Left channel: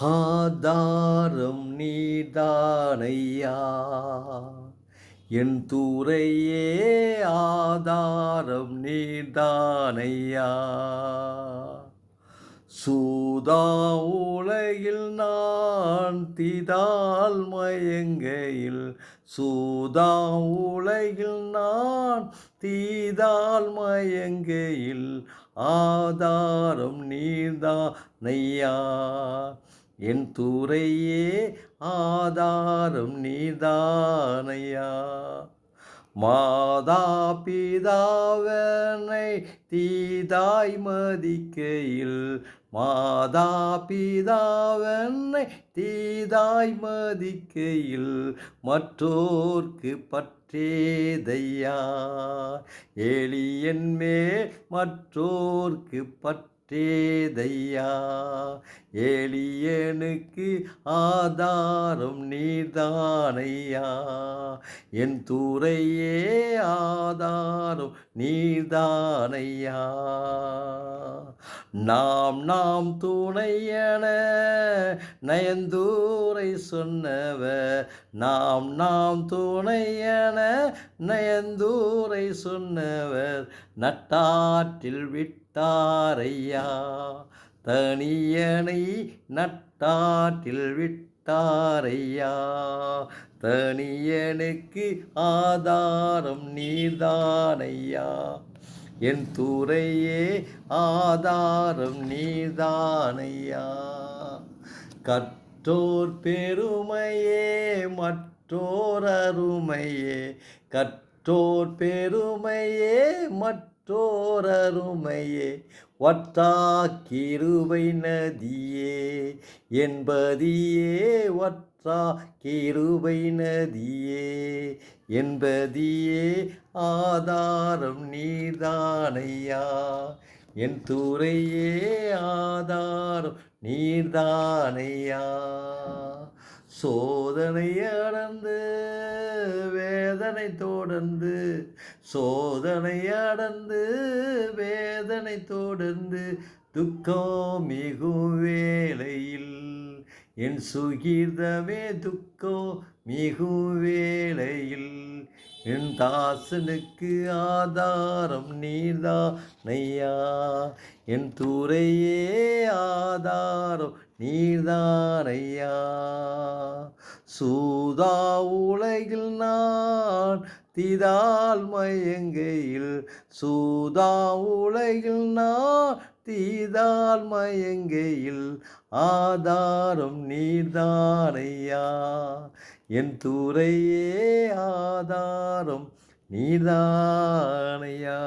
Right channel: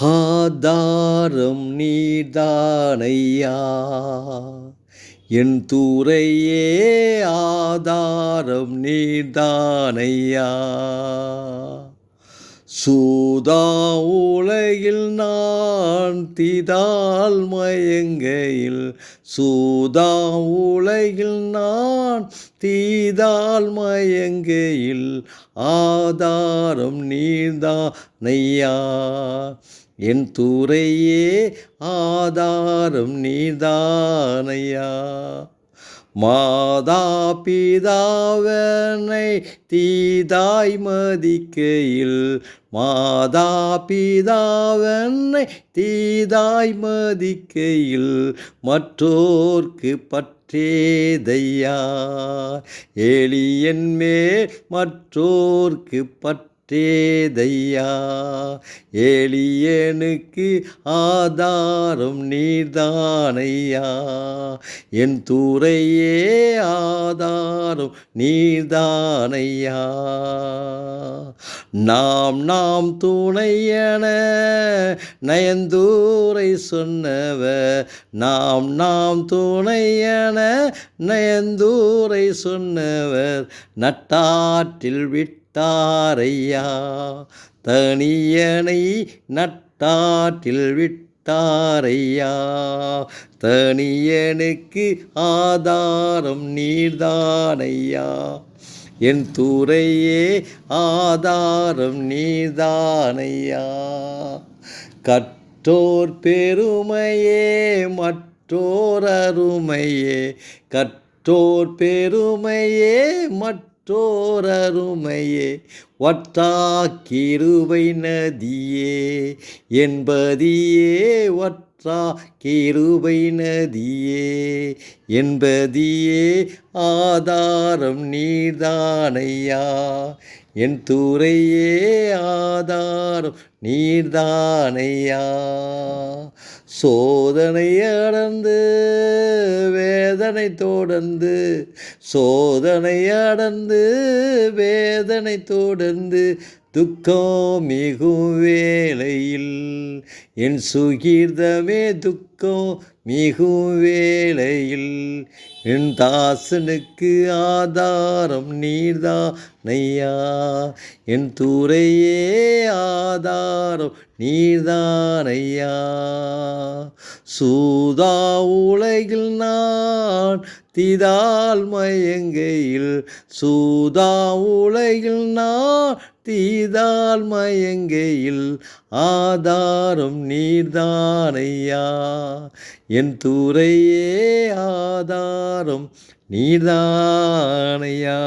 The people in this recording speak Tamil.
ஆதாரம் நீதானையா என் துறையே ஆதாரம் நீதானையா சூதா உலகில் நான் திதால் மயங்கையில் சூதா உலகில் நான் தீதால் மயங்கையில் ஆதாரம் நீதானையா என் துறையே ஆதாரம் நீதானையா மாதா பிதாவனை தீதாய் மதிக்கையில் மாதா பிதாவனை தீதாய் மதிக்கையில் மற்றோர்க்கு பற்றேதையா எளியன் மேல் மற்றோர்க்கு பற்றேதையா எளியனுக்கு ஆதாரம் நீதானையா என் துறையே ஆதாரம் நீதானையா நாம் துணையென நயந்தூரை சொன்னவர் நாம் துணையென நயந்தூரை சொன்னவர் நட்டாற்றில் விட்டாரையா தனியனை நட்டாற்றில் விட்டாரையா தனியனுக்கு ஆதாரம் நீர்தானையா என் துறையே ஆதாரம் நீர்தானையா கற்றோர் பெருமையே மற்றோர் அருமையே கற்றோர் பெருமையே மற்றோர் அருமையே வற்றா கிருபை நதியே என்பதியே வற்றா கிருபை நதியே என்பதியே ஆதாரம் நீர்தானையா என் துறையே ஆதாரம் நீர்தானையா சோதனை அடர்ந்து வேதனை தொடர்ந்து சோதனை அடர்ந்து வேதனை தொடர்ந்து துக்கம் மிகும் வேளையில் என் சுகீர்தமே துக்கம் மிகும் வேளையில் என் தாசனுக்கு ஆதாரம் நீர்தானையா என் துறையே ஆதாரம் நீர்தானையா சூதா உலகில் நான் தீதால் மயங்கையில் சூதா உலகில் நான் தீதால் மயங்கையில் ஆதாரம் நீர்தானையா என் துறையே ஆதாரம் நீர்தானையா